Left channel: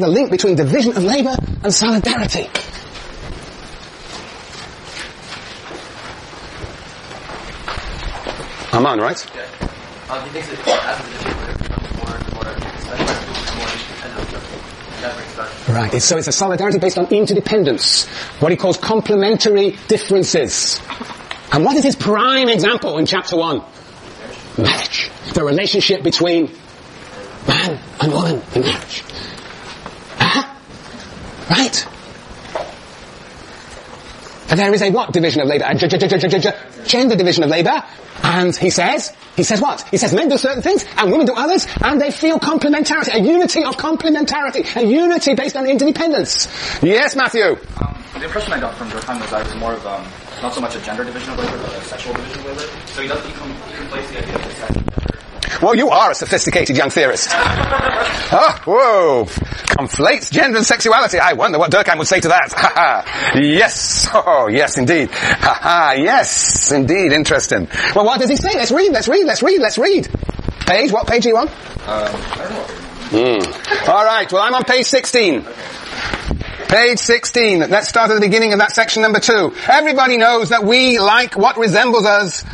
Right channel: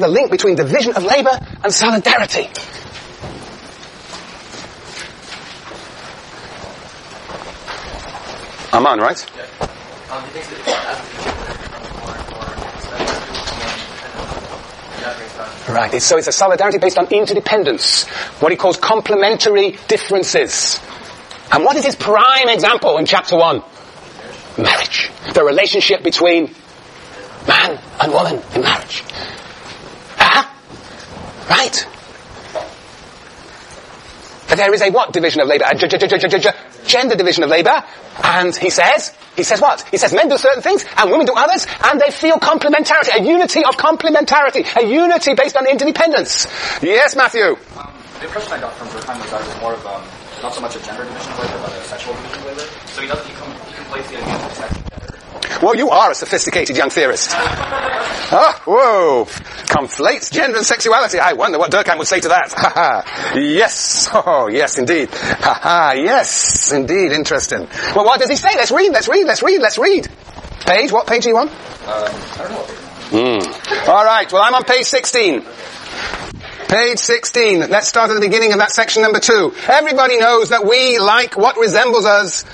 the link between division of labour and solidarity. I'm on, right? Yeah. He thinks that as the individual becomes more and more independent, Right, so it's a solidarity based on interdependence, what he calls complementary differences. And what is his prime example in chapter 1? Marriage. The relationship between man and woman in marriage. Right. But there is a what division of labour? A gender division of labour. And he says what? He says men do certain things and women do others, and they feel complementarity, a unity of complementarity, a unity based on interdependence. Yes, Matthew? The impression I got from Durkheim was that it was more of not so much a gender division of labour, but a sexual division of labour. So he conflates the idea of sex and gender. Well, you are a sophisticated young theorist. Oh, whoa. Conflates gender and sexuality. I wonder what Durkheim would say to that. Yes. Oh, yes, indeed. Yes, indeed. Interesting. Well, what does he say? Let's read. Page? What page are you on? I don't know what page I'm on. All right. Well, I'm on page 16. Okay. Page 16. Let's start at the beginning of that section number 2. Everybody knows that we like what resembles us.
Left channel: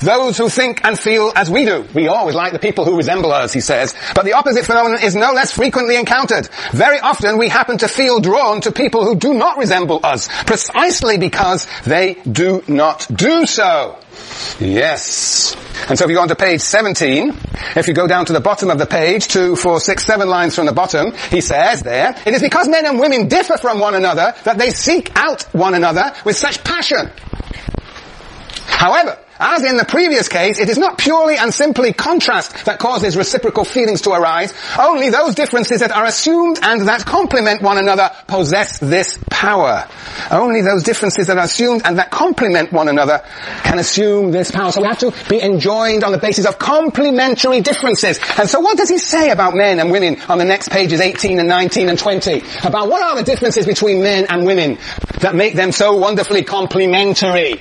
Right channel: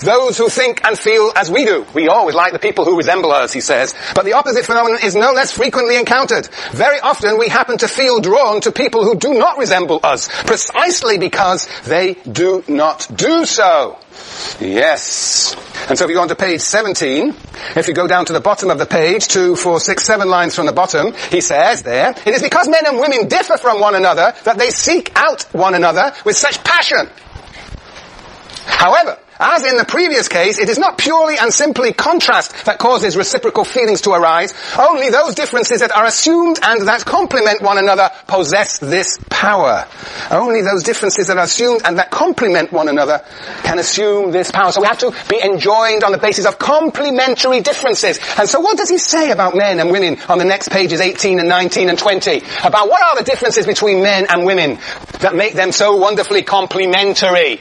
Those who think and feel as we do. We always like the people who resemble us, he says. But the opposite phenomenon is no less frequently encountered. Very often we happen to feel drawn to people who do not resemble us, precisely because they do not do so. Yes. And so if you go on to page 17, if you go down to the bottom of the page, 2, 4, 6, 7 lines from the bottom, he says there, it is because men and women differ from one another that they seek out one another with such passion. However, as in the previous case, it is not purely and simply contrast that causes reciprocal feelings to arise. Only those differences that are assumed and that complement one another possess this power. Only those differences that are assumed and that complement one another can assume this power. So we have to be enjoined on the basis of complementary differences. And so what does he say about men and women on the next pages 18 and 19 and 20? About what are the differences between men and women that make them so wonderfully complementary?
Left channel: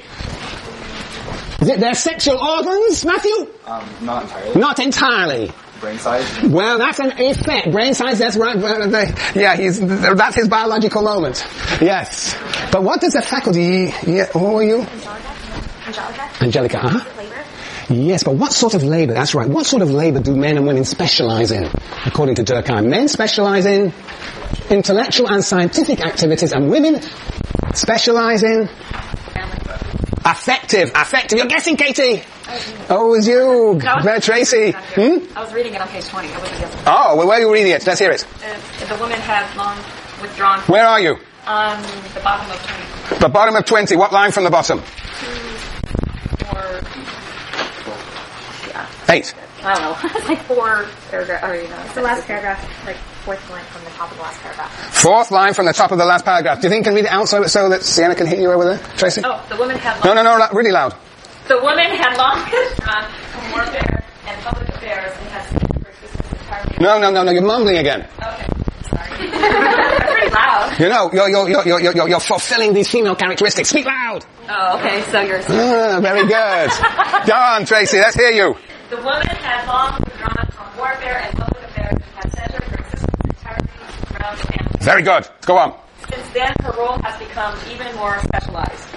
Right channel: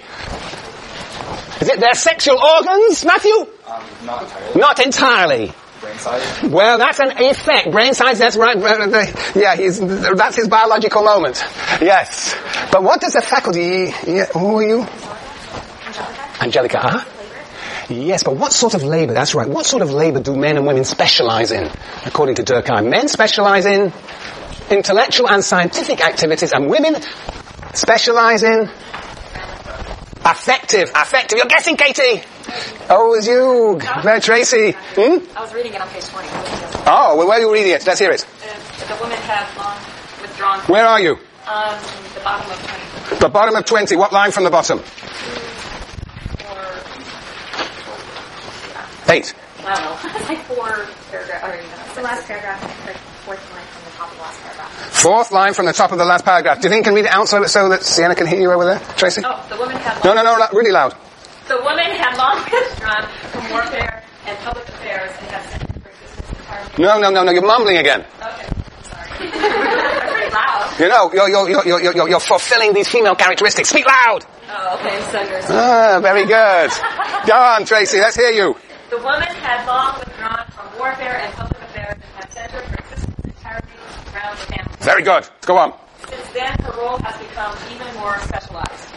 Is it their sexual organs, Matthew? Not entirely. Not entirely. Brain size? Well, that's an effect. Brain size, that's right. Yeah, that's his biological moment. Yes. But what does the faculty... Yeah, who are you? Angelica, huh? Yes, but what sort of labour? That's right. What sort of labour do men and women specialise in, according to Durkheim? Men specialise in intellectual and scientific activities, and women specialise in... Affective. You're guessing, Katie. Oh, it was you. Tracy. I was reading it on page 20. Oh, well, where are you reading it? Let's hear it. The woman had long withdrawn. Where are you? On the bottom of 20. The bottom of 20. What line from the bottom? 2, 4, 8. I don't know. It's like 4 paragraphs. It's the last paragraph, like 4th line from the top of the last paragraph. 4th line from the top of the last paragraph. Do you think you can read it out so that Sienna can hear you over there, Tracy? Oh, the woman had long... No, really loud. The woman had long withdrawn from warfare and public affairs and has centered her existence entirely... No, you're mumbling again. Okay, sorry. That's pretty loud. You know, you're fulfilling these female characteristics. Speak loud! Oh, okay, so you're... Very good. Go on, Tracy, let's hear you. The woman had long withdrawn from warfare and public affairs and had centered her existence entirely around the family. Very good. Go on. Since then, her role has become even more specialized.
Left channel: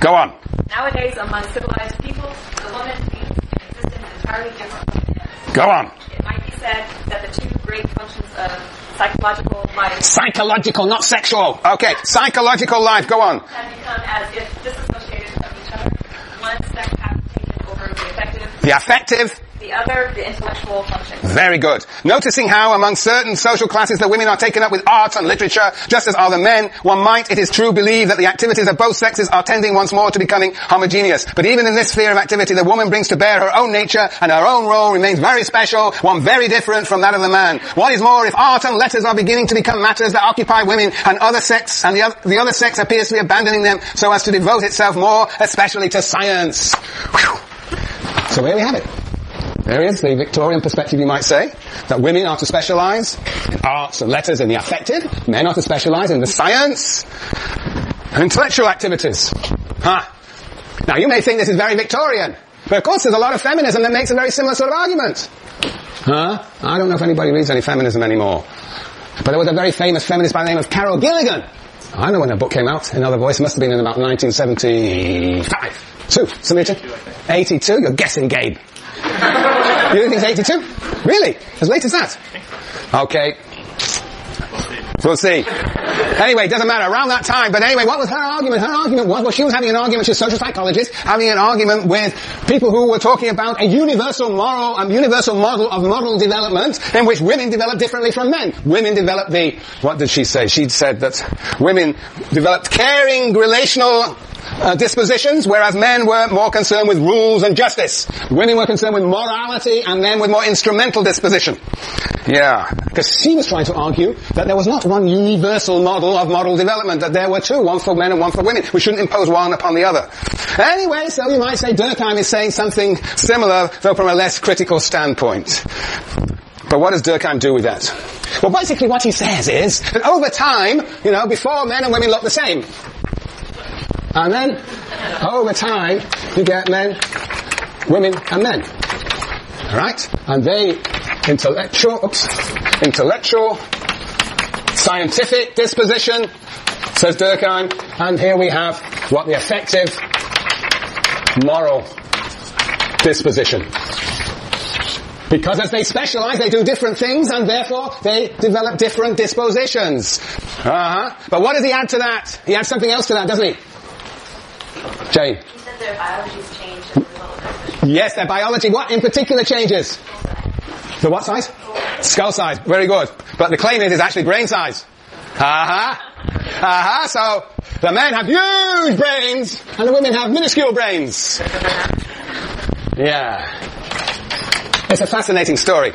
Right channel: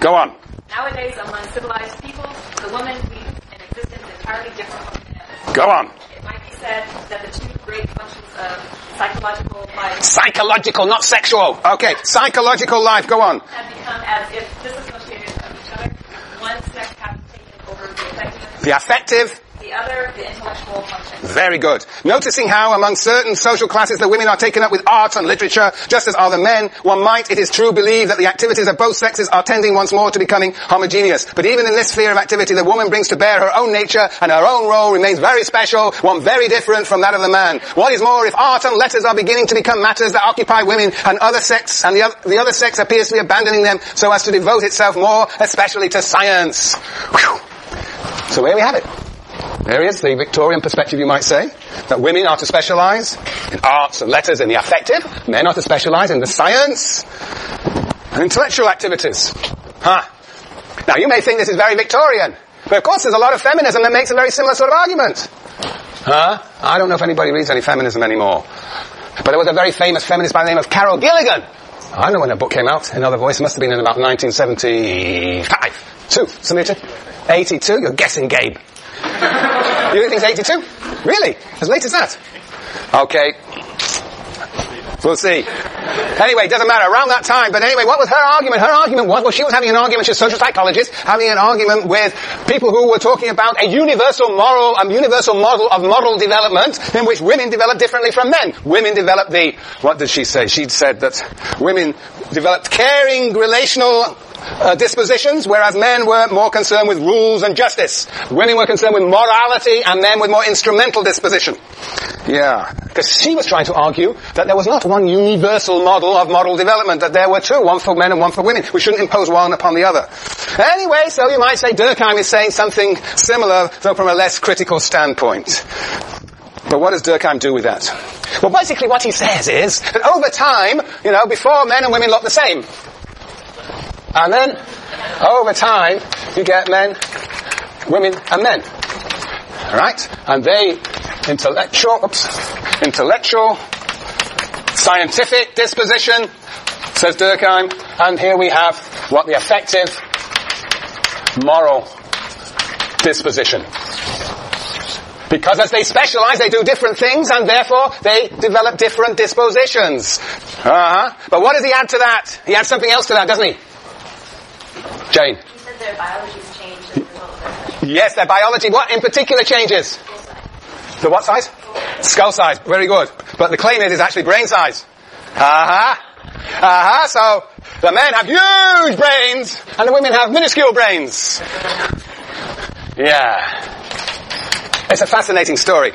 Go on. Nowadays, among civilized people, the woman leads an existence entirely different from the men. Go on. It might be said that the 2 great functions of psychological life... Psychological, not sexual. Okay, psychological life. Go on. ...have become as if disassociated from each other. One sex has taken over the affective... The affective... The other, the intellectual function. Very good. Noticing how among certain social classes the women are taken up with art and literature, just as are the men, one might, it is true, believe that the activities of both sexes are tending once more to becoming homogeneous. But even in this sphere of activity, the woman brings to bear her own nature, and her own role remains very special, one very different from that of the man. What is more, if art and letters are beginning to become matters that occupy women, and the other sex appears to be abandoning them so as to devote itself more, especially to science. Whew. So here we have it. There is the Victorian perspective, you might say, that women are to specialise in arts and letters and the affective. Men are to specialise in the science and intellectual activities. Now, you may think this is very Victorian, but of course there's a lot of feminism that makes a very similar sort of argument. I don't know if anybody reads any feminism anymore. But there was a very famous feminist by the name of Carol Gilligan. I know when her book came out. Another Voice must have been in about 1975. 82. You're guessing, Gabe. You think it's 82? Really? As late as that? Okay. We'll see. Anyway, it doesn't matter. Around that time. But anyway, what was her argument? Her argument was, well, she was having an argument, she's a social psychologist, having an argument with people who were talking about a universal model of model development in which women develop differently from men. Women develop what did she say? She said that women developed caring, relational dispositions, whereas men were more concerned with rules and justice. Women were concerned with morality, and men with more instrumental disposition. Yeah, because she was trying to argue that there was not one universal model of model development, that there were two, one for men and one for women. We shouldn't impose one upon the other. Anyway, so you might say Durkheim is saying something similar, though from a less critical standpoint. But what does Durkheim do with that? Well, basically what he says is that over time, before men and women look the same. And then, over time, you get men, women, and men. Alright? And they, intellectual, scientific disposition, says Durkheim, and here we have what the affective, moral disposition. Because as they specialize, they do different things, and therefore they develop different dispositions. But what does he add to that? He adds something else to that, doesn't he? Jane. You said their biology's changed as a result of that. Yes, their biology. What in particular changes? The what size? Skull size. Very good. But the claim is actually brain size. So the men have huge brains and the women have minuscule brains. Yeah. It's a fascinating story.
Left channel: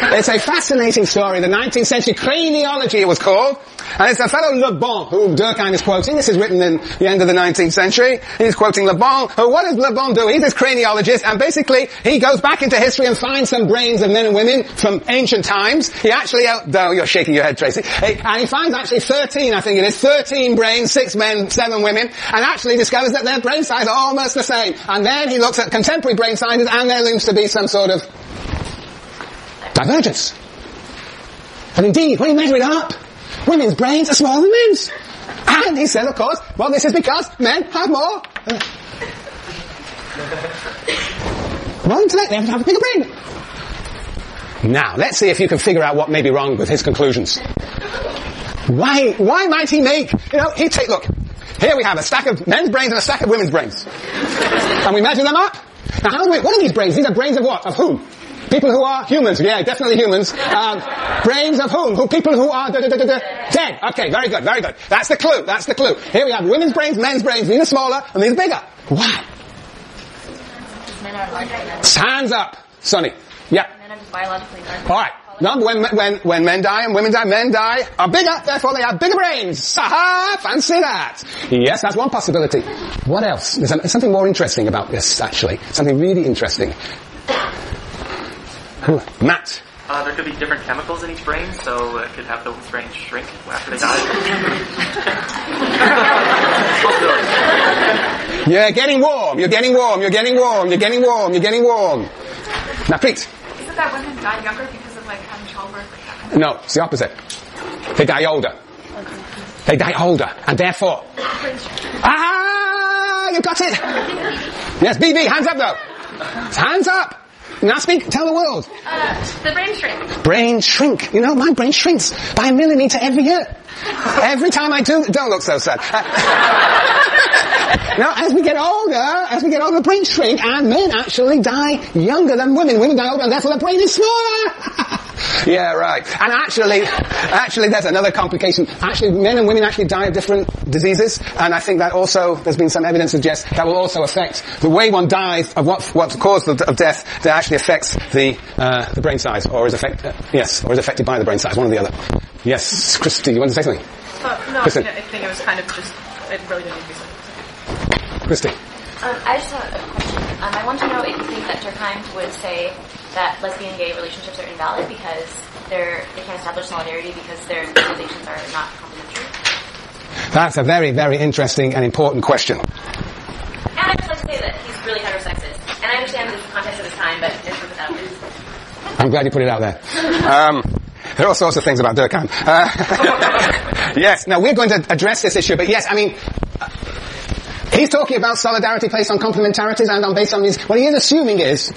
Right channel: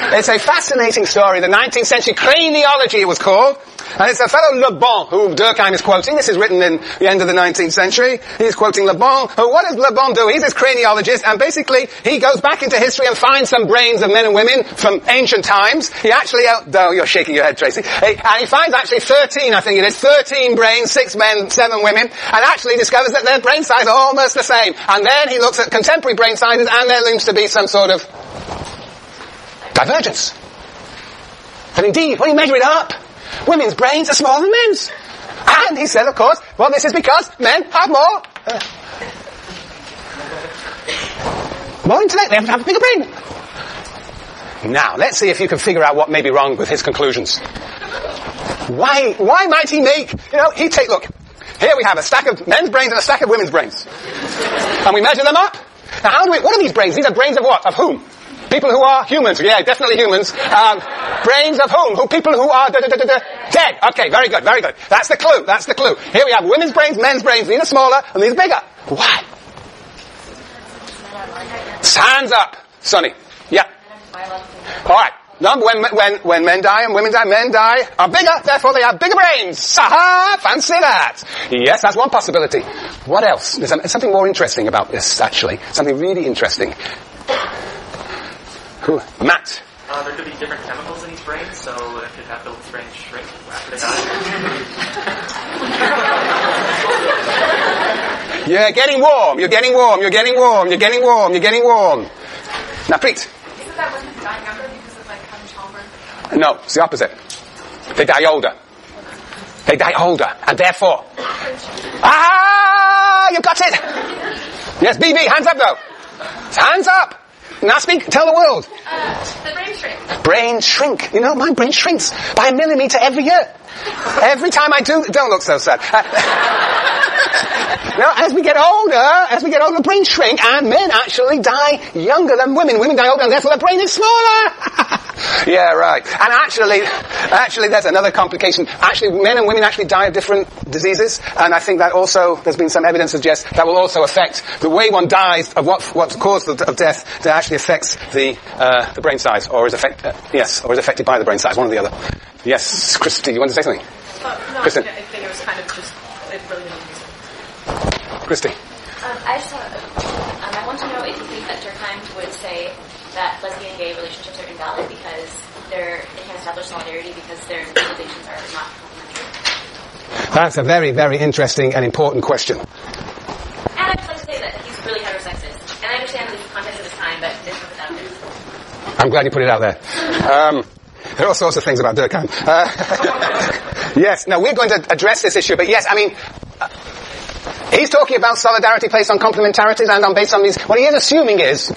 It's a fascinating story. The 19th century craniology, it was called. And it's a fellow Le Bon, who Durkheim is quoting. This is written in the end of the 19th century. He's quoting Le Bon. What does Le Bon do? He's this craniologist, and basically he goes back into history and finds some brains of men and women from ancient times. He actually, though you're shaking your head, Tracy, and he finds actually 13 brains, 6 men, 7 women, and actually discovers that their brain size are almost the same. And then he looks at contemporary brain sizes, and there seems to be some sort of divergence. And indeed, when you measure it up, women's brains are smaller than men's. And he said, of course, well, this is because men have more intellect. They have to have a bigger brain. Now, let's see if you can figure out what may be wrong with his conclusions. Why might he make, look, here we have a stack of men's brains and a stack of women's brains. And we measure them up. Now, what are these brains? These are brains of what? Of whom? People who are humans. Yeah, definitely humans. Brains of whom? People who are dead. Okay, very good. That's the clue. Here we have women's brains, men's brains. These are smaller and these are bigger. Why? Hands up, Sonny. Yeah. Alright. No, when men die and women die, men are bigger, therefore they have bigger brains. Aha! Fancy that. Yes, that's one possibility. What else? There's something more interesting about this, actually. Something really interesting. Matt. There could be different chemicals in each brain, so it could have the brain shrink after they die. You're getting warm. Now, Preet. Isn't that women die younger because of having childbirth? No, it's the opposite. They die older. And therefore... You got it! Yes, BB, hands up though. Hands up! Now speak, tell the world. The brain shrink. Brain shrink. My brain shrinks by 1 millimeter every year. Every time I do, don't look so sad. As we get older, the brains shrink, and men actually die younger than women. Women die older, and therefore the brain is smaller. Yeah, right. And actually, there's another complication. Actually, men and women actually die of different diseases, and I think that also, there's been some evidence to suggest that will also affect the way one dies of what caused of death. That actually affects the brain size, or is affected by the brain size, one or the other. Yes, Christy, you want to say something? No, Kristen. I think it was kind of just, it really didn't make sense. Christy. I just have a question. I want to know if you think that Durkheim would say that lesbian gay relationships are invalid because they can't establish solidarity because their civilizations are not complementary. That's a very, very interesting and important question. And I just like to say that he's really heterosexist. And I understand the context of his time, but this was without this. I'm glad you put it out there. There are all sorts of things about Durkheim. Yes, now we're going to address this issue, but yes, I mean, he's talking about solidarity based on complementarities and based on these. What he is assuming is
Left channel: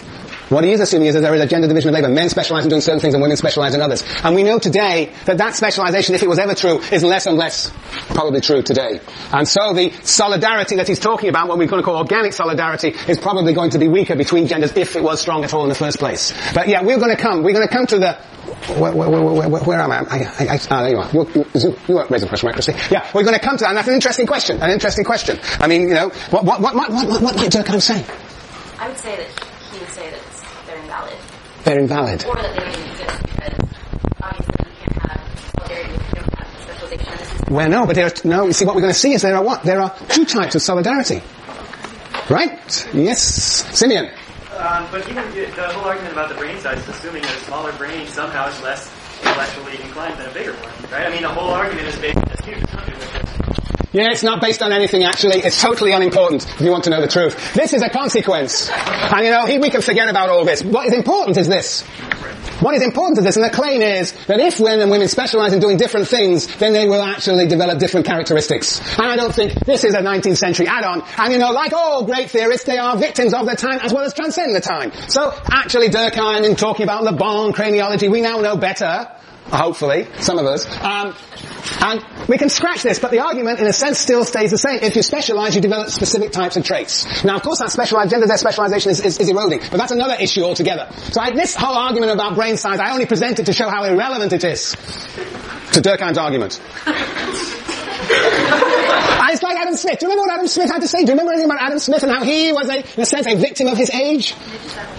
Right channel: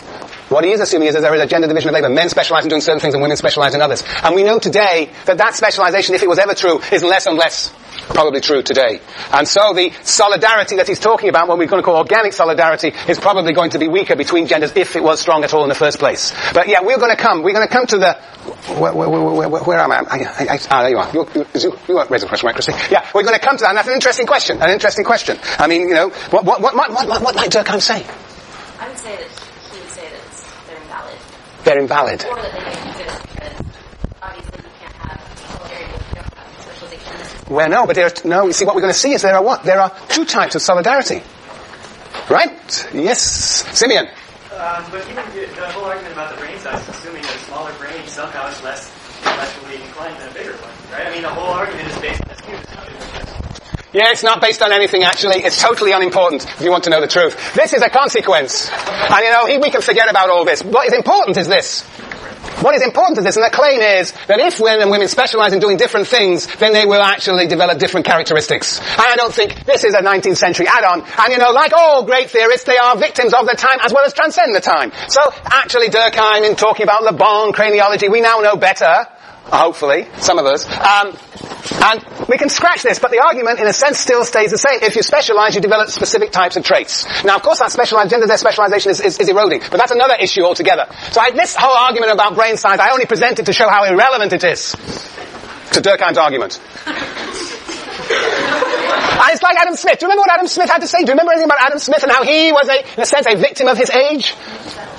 that there is a gender division of labor. Men specialize in doing certain things and women specialize in others. And we know today that specialization, if it was ever true, is less and less probably true today. And so the solidarity that he's talking about, what we're going to call organic solidarity, is probably going to be weaker between genders if it was strong at all in the first place. But yeah, we're going to come to the, where am I? There you are. You won't raise a question, right, Christy? Yeah, we're going to come to that, and that's an interesting question. I mean, you know, what might Durkheim say? I would say that he would say that they're invalid. They're invalid. Or that they don't exist because obviously you can't have solidarity if you don't have specialization in the system. Well, no, but you see what we're going to see is there are two types of solidarity. Right? Yes. Simeon. But even the whole argument about the brain size is assuming that a smaller brain somehow is less intellectually inclined than a bigger one, right? I mean, the whole argument is based on this huge assumption that Yeah, it's not based on anything actually. It's totally unimportant if you want to know the truth. This is a consequence. And you know, we can forget about all this. What is important is this. What is important is this, and the claim is that if men and women specialize in doing different things, then they will actually develop different characteristics. And I don't think this is a 19th century add-on. And you know, like all great theorists, they are victims of their time as well as transcend the time. So actually Durkheim, in talking about Le Bon craniology, we now know better. Hopefully, some of us. And we can scratch this, but the argument, in a sense, still stays the same. If you specialize, you develop specific types of traits. Now, of course, that gender specialization is eroding, but that's another issue altogether. So this whole argument about brain size, I only presented to show how irrelevant it is to Durkheim's argument. It's like Adam Smith. Do you remember what Adam Smith had to say? Do you remember anything about Adam Smith and how he was, in a sense, a victim of his age?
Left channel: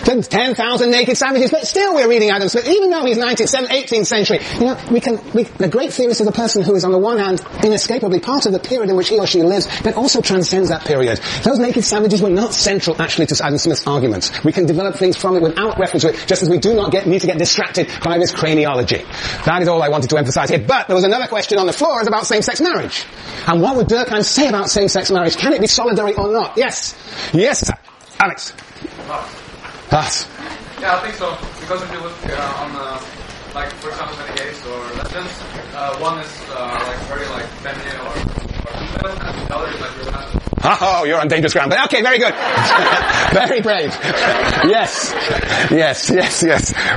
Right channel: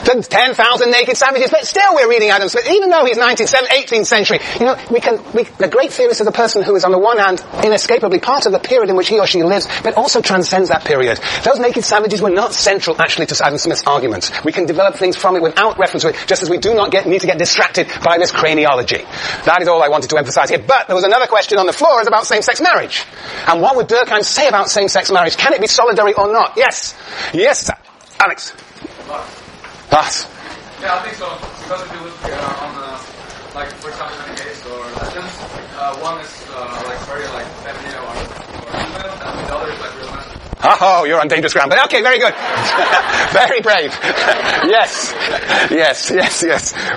10,000 naked savages. But still we're reading Adam Smith, even though he's 18th century. You know, the great theorist is a person who is, on the one hand, inescapably part of the period in which he or she lives, but also transcends that period. Those naked savages were not central, actually, to Adam Smith's arguments. We can develop things from it without reference to it, just as we do not need to get distracted by this craniology. That is all I wanted to emphasize here. But there was another question on the floor, is about same-sex marriage. And what would Durkheim say about same-sex marriage? Can it be solidary or not? Yes. Yes, Alex. Us. Yeah, I think so. Because if you look on, like, for example, many gays or lesbians, one is like very like feminine or female, and the other is like really masculine. Oh, you're on dangerous ground. But okay, very good. Very brave. Yes.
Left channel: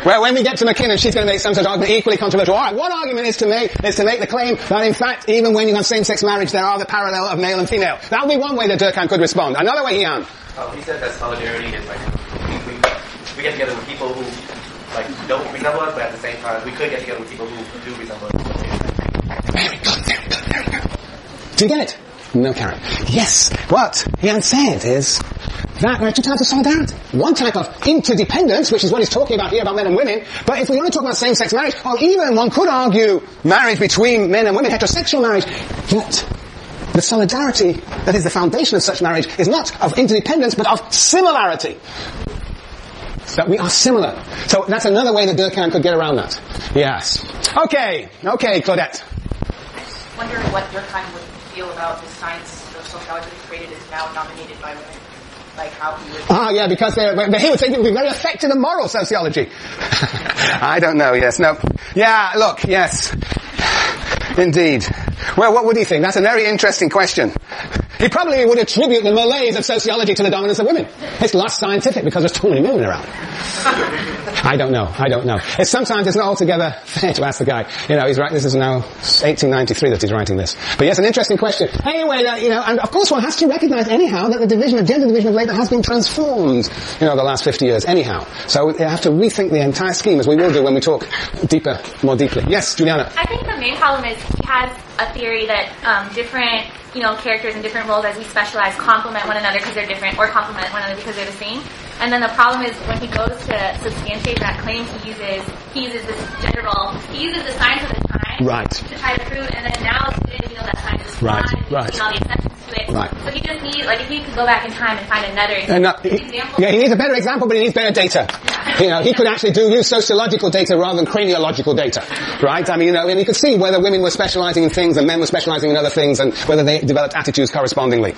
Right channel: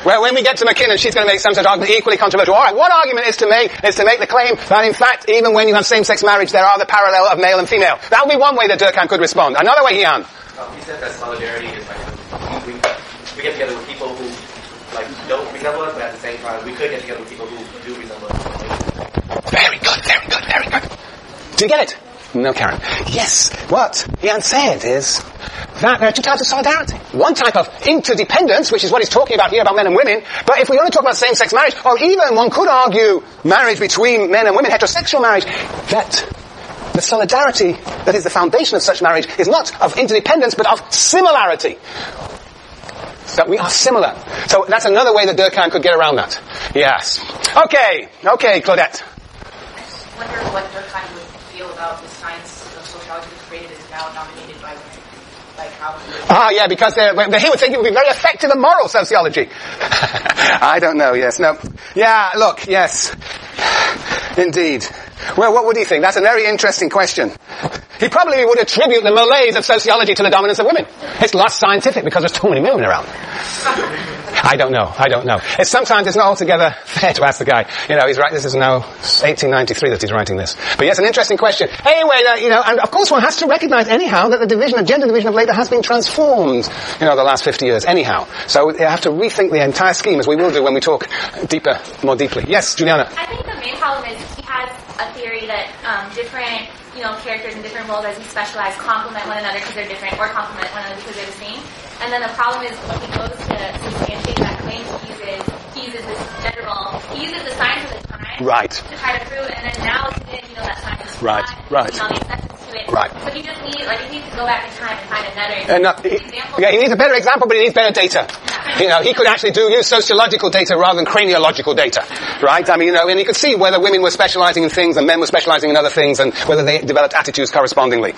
Well, when we get to McKinnon, she's going to make some sort of argument equally controversial. All right, one argument is to make the claim that, in fact, even when you have same-sex marriage, there are the parallel of male and female. That would be one way that Durkheim could respond. Another way, Ian. He said that solidarity is like we get together with people who like don't resemble us, but at the same time we could get together with people who do resemble us. Very good. Do you get it? No, Karen. Yes. What Ian said is that there are two types of solidarity. One type of interdependence, which is what he's talking about here about men and women. But if we only talk about same-sex marriage, or even one could argue marriage between men and women, heterosexual marriage, that the solidarity that is the foundation of such marriage is not of interdependence, but of similarity. That we are similar. So that's another way that Durkheim could get around that. Yes. Okay, Claudette. I just wonder what Durkheim would feel about the science of sociology that's created is now dominated by women. Like how he would... yeah, because he would think it would be very effective in moral sociology. I don't know, yes, no. Yeah, look, yes. Indeed. Well, what would he think? That's a very interesting question. He probably would attribute the malaise of sociology to the dominance of women. It's less scientific because there's too many women around. I don't know. Sometimes it's not altogether fair to ask the guy. You know, he's right. This is now 1893 that he's writing this. But yes, an interesting question. Anyway, and of course one has to recognize anyhow that the gender division of labour has been transformed, the last 50 years anyhow. So you have to rethink the entire scheme, as we will do when we talk more deeply. Yes, Juliana. I think the main problem is he has a theory that different characters in different roles as we specialize complement one another because they're different, or complement one another because they're the same. And then the problem is when he goes to substantiate that claim, he uses this gender role. He uses the science of the time to try to prove, and then now today that science is flawed, and all the exceptions to it. Right. So he just needs, if he could go back in time and find another example. Yeah, he needs a better example, but he needs better data. He could actually use sociological data rather than craniological data. Right? I mean, and he could see whether women were specializing in things and men were specializing in other things, and whether they developed attitudes correspondingly.